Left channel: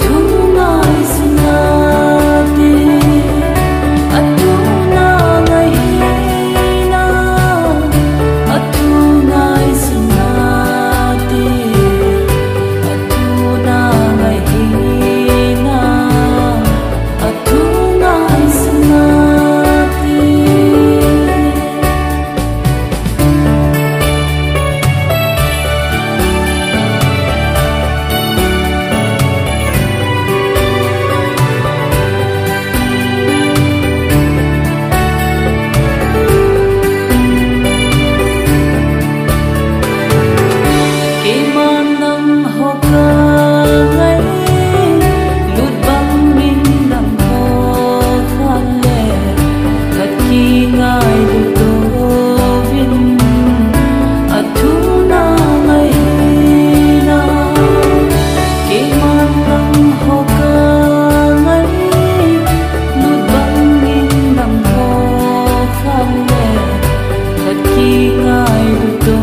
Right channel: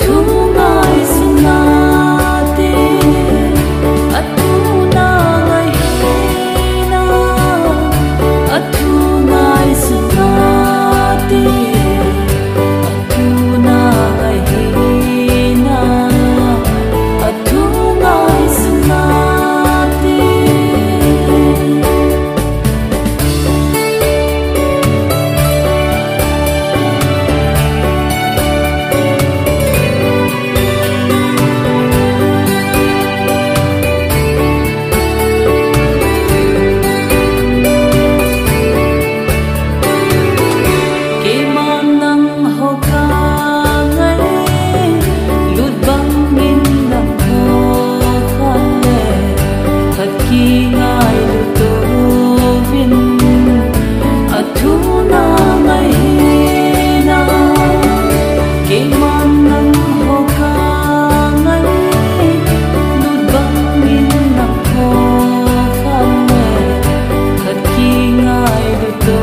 thu ngai sunati atu na ngai na atu ngai sunati atu na ngai na atu ngai sunati khi ngài lu tô vin thu na ngai na ke man nang ho ka ngai lut bang min nang ho khan le khat khi ngài lu tô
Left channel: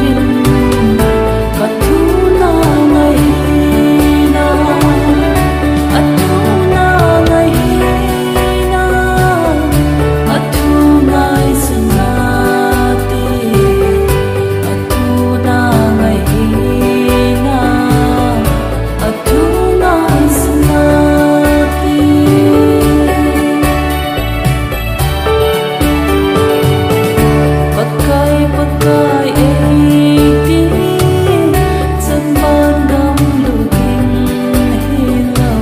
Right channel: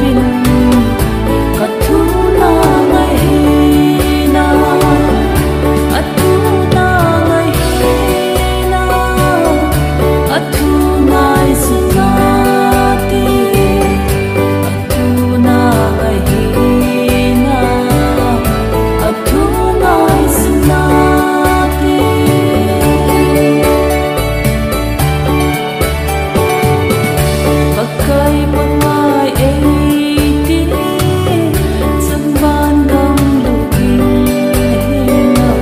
vin thu na ngai na thu na ngai atu ngai sunati atu na ngai na atu ngai sunati pakai pakai ti sang ban gam lu ding hello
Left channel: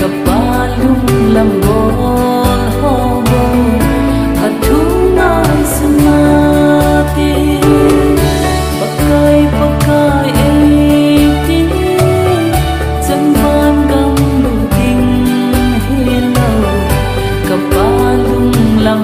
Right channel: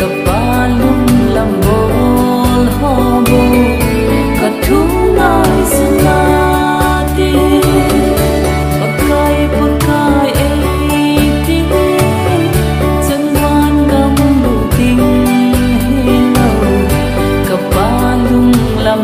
kapalum lambol hobo thu ngai sunati pakai pakai ti chân van gam lu ting hello kapalung lam